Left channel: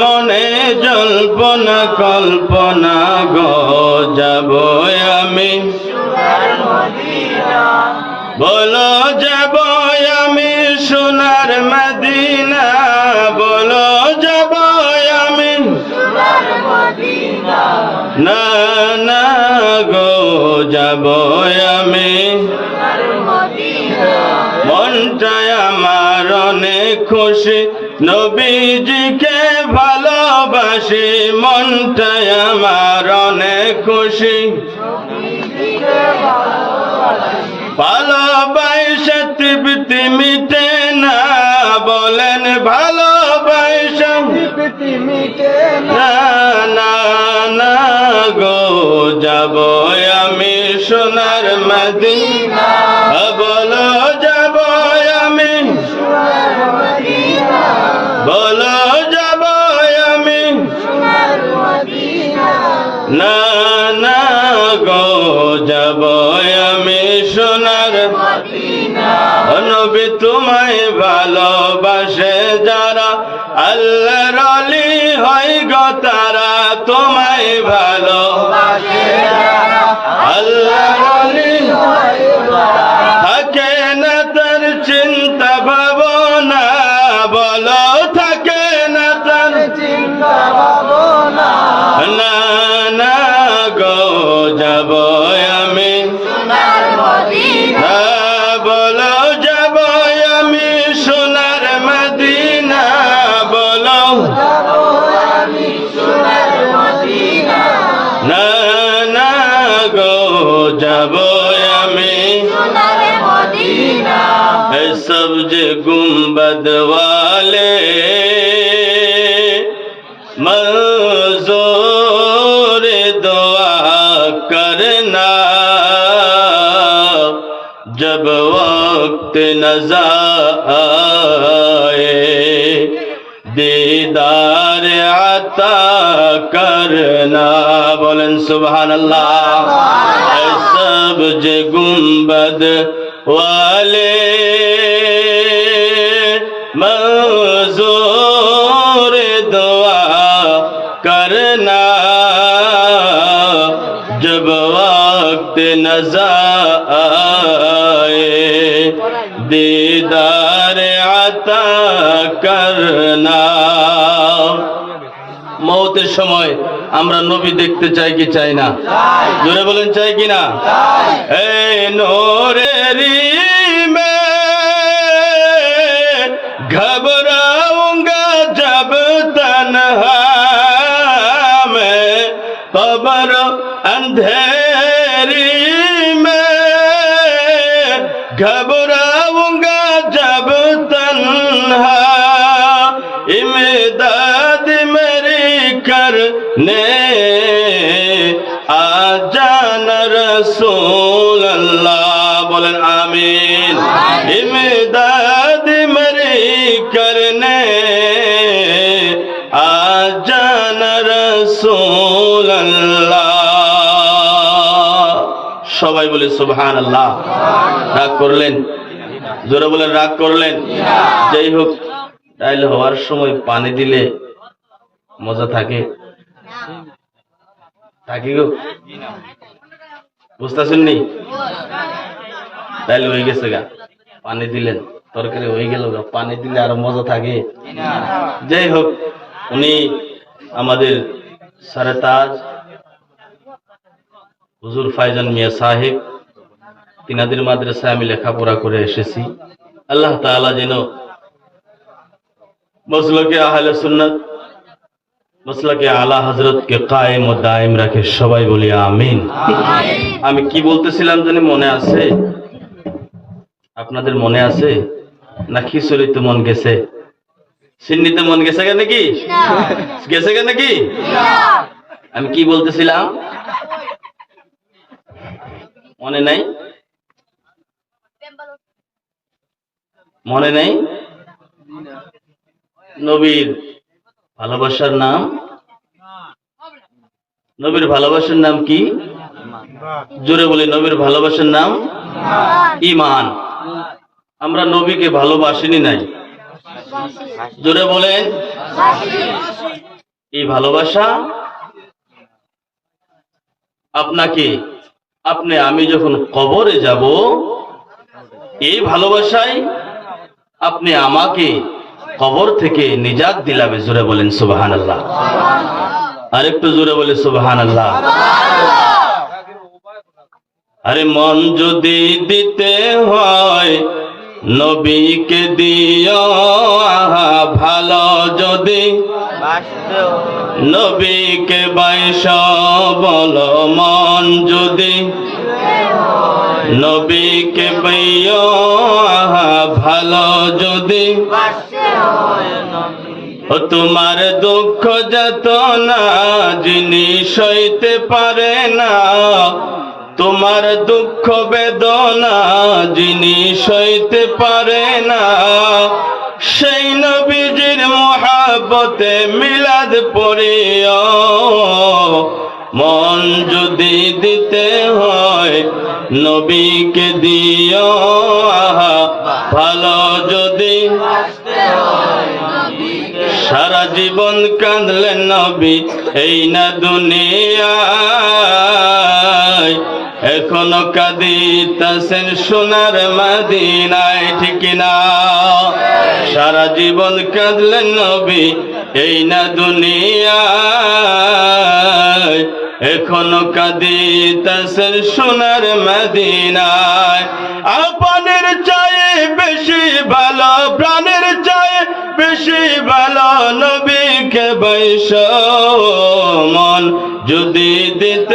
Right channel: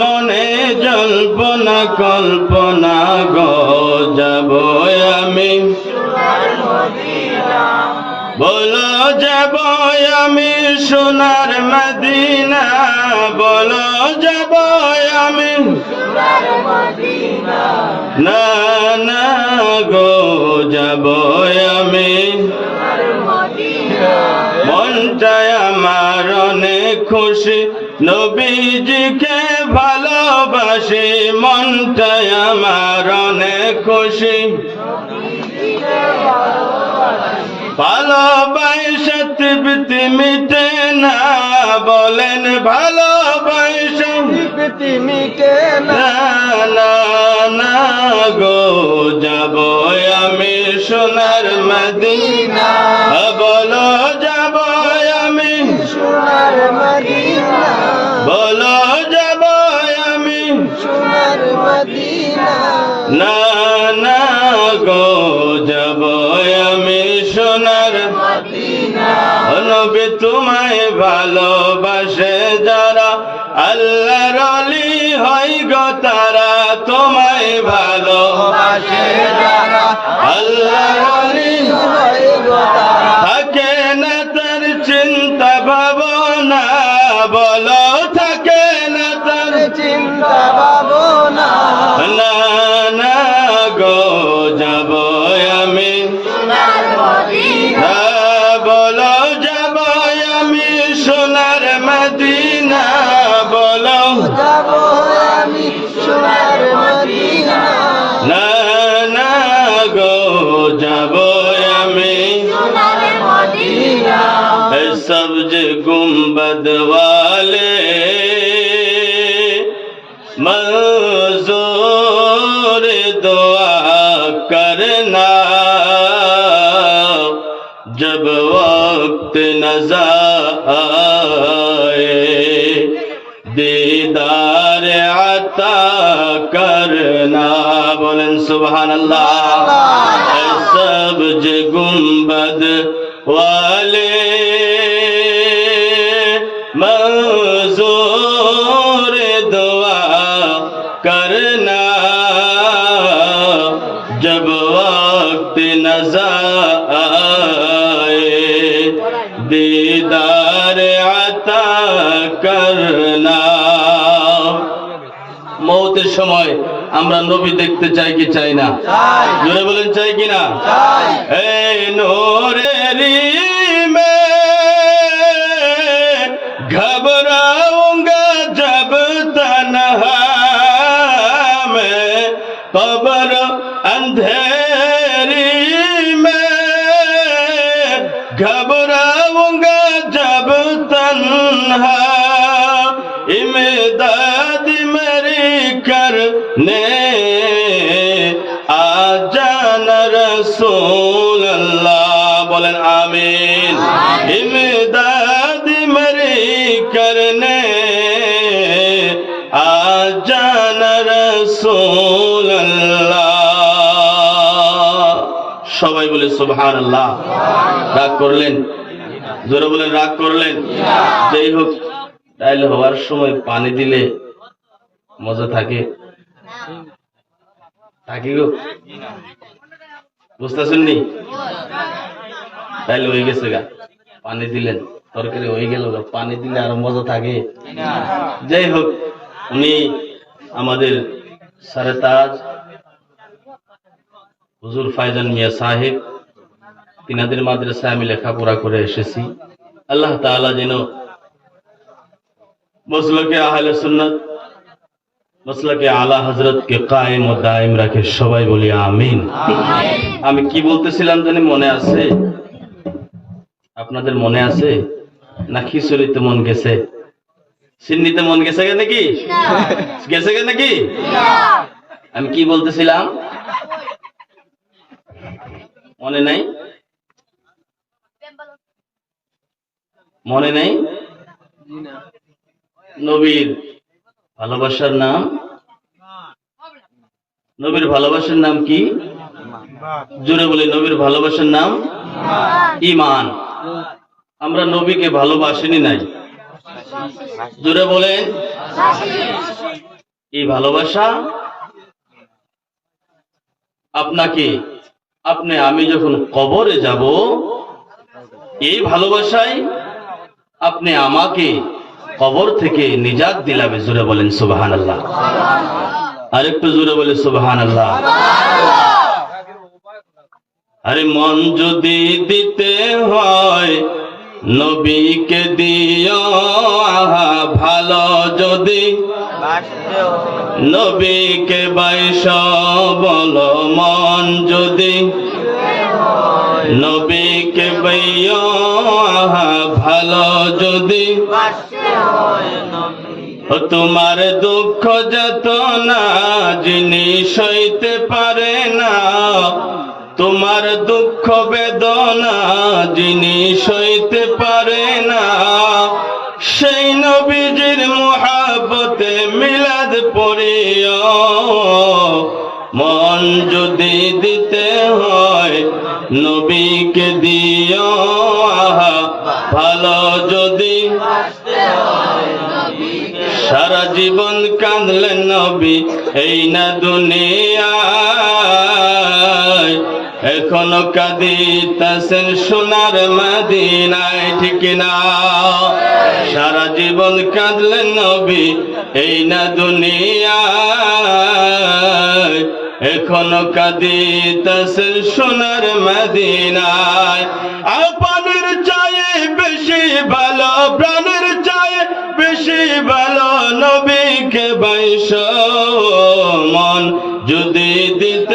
মনে জল্পনা কল্পনা গো যাব আমি বলো যাব আমি সোনার মদিনা বলো যাব আমি না না গো যাব আমি মনটায় আমার অনেক খুশি নবীজিকে ভালোবাসি মনটায় আমার অনেক খুশি ভালোবাসা তৃপ্তি মিটে না বলেন ভালোবাসা তৃপ্তি মিটে না না না গো যাব আমি সোনার মদিনা বলো যাব আমি সোনার মদিনা বলো যাব আমি সোনার মদিনা না না গো যাব আমি সোনার মদিনা নবী তোমায় ভালোবাসে যারা আল্লাহর ওলি হয় গো তারা তোমায় ভালোবাসে যারা আল্লাহর ওলি হয় গো তারা থাকে না তার চিন্তা ভাবনা বলো থাকে না তার চিন্তা ভাবনা না না গো যাব আমি সোনার মদিনা বলো যাব আমি সোনার মদিনা বলো যাব আমি সোনার মদিনা না না গো যাব আমি সোনার মদিনা সবজ गुंबद वाले मंजूर दुआ करना जब वक्त नज़र आए दीदार अता करना बोलन सुभान अल्लाह सब्ज गुंबद वाले मंजूर दुआ करना जब वक्त नज़र आए दीदार अता करना মওতের সময় আমরা নবী দেখতে চাই কি চাই না জোরে বলেন চাই কি না এই নূরেরি মে घबराऊंगा जब तन्हा मैं कब्र अंधेरी में घबराऊंगा जब तन्हा इमदाद मेरी करने आ जाना रसूल अल्लाह बोलें आमीन इमदाद मेरी करने आ जाना रसूल अल्लाह সবাই বলে সুবহানাল্লাহ রাগ করলেন জোরে বলেন রাগ করলেন যাই হোক ডাইল হওয়ার সময় পানি দিলে মজা থাকে থাকে গো বুঝতেছেন নি ডাইল হয়ে গেছে গা পানি দিলেন তরকারি হয়ে গেল পানি দিলে আরো মজা থাকে যাই হোক উনি আমাদের সরতাজ হুজুর ফাইজান মিয়া সাহেব তিনাদের মাদ্রাসায় আমি লেখাপড়া করে এসেছি আল্লাহ তাআলা যেন মসলকে আহলে সুন্নাত মসলকে আলা হযরত কে কায়েম ও দায়েম রাখে সবাই বলি আমিন আমি কি বলতেছিলাম জানি মনে আছে আপনাদের মনে আছে না খিচুড়িতে মন গেছে সিন্নিতে মন গেছে নাকি গেছে নাকি আমি কি বলতেছিলাম মনে নাই মনে নাই নবীর ভালোবাসার নাম নবীর ভালোবাসার নাম কি জোরে বলি নবীর ভালোবাসার নাম ঈমান আমরা নবীকে ভালোবাসিনি নাই জোরে বলেন এই ভালোবাসা আপনাকে আমি যখন কবরে যাব, এই ভালোবাসায় আপনি আমাকে কবর থেকে নিজাত দিলাবে। জোরে বলেন সুবহানাল্লাহ। আরেকটু জোরে বলে সুবহানাল্লাহ। আরে মন যদি দিতে হয় নবীকে দিও, ভালো যদি নবীকে বাইশা বলো, মন যদি নবীকে বাইও, ভালো যদি তোমার দুঃখ যাতনা যিনি সইতে পারে না, তোমার দুঃখ বেদনা যিনি সইতে পারে না, সেই নবীজির মহব্বতে মিলাদ পড়িও। মন যদি দিতে হয় নবীকে দিও, ভালো যদি সারা জীবন কাঁদলেন নবী এই না দুনিয়ায়, এখনো কাঁদিতেছেন সোনার মদিনায়, ঠিক না? সারা জীবন কাঁদলেন নবী এই না দুনিয়ায়, এখনো কাঁদিতেছেন সোনার মদিনায়। আপনার চাইয়ে বেশি ভালো, প্রাণের চাইয়ে বেশি ভালো নবীকে বাইশ, মন যদি দিতে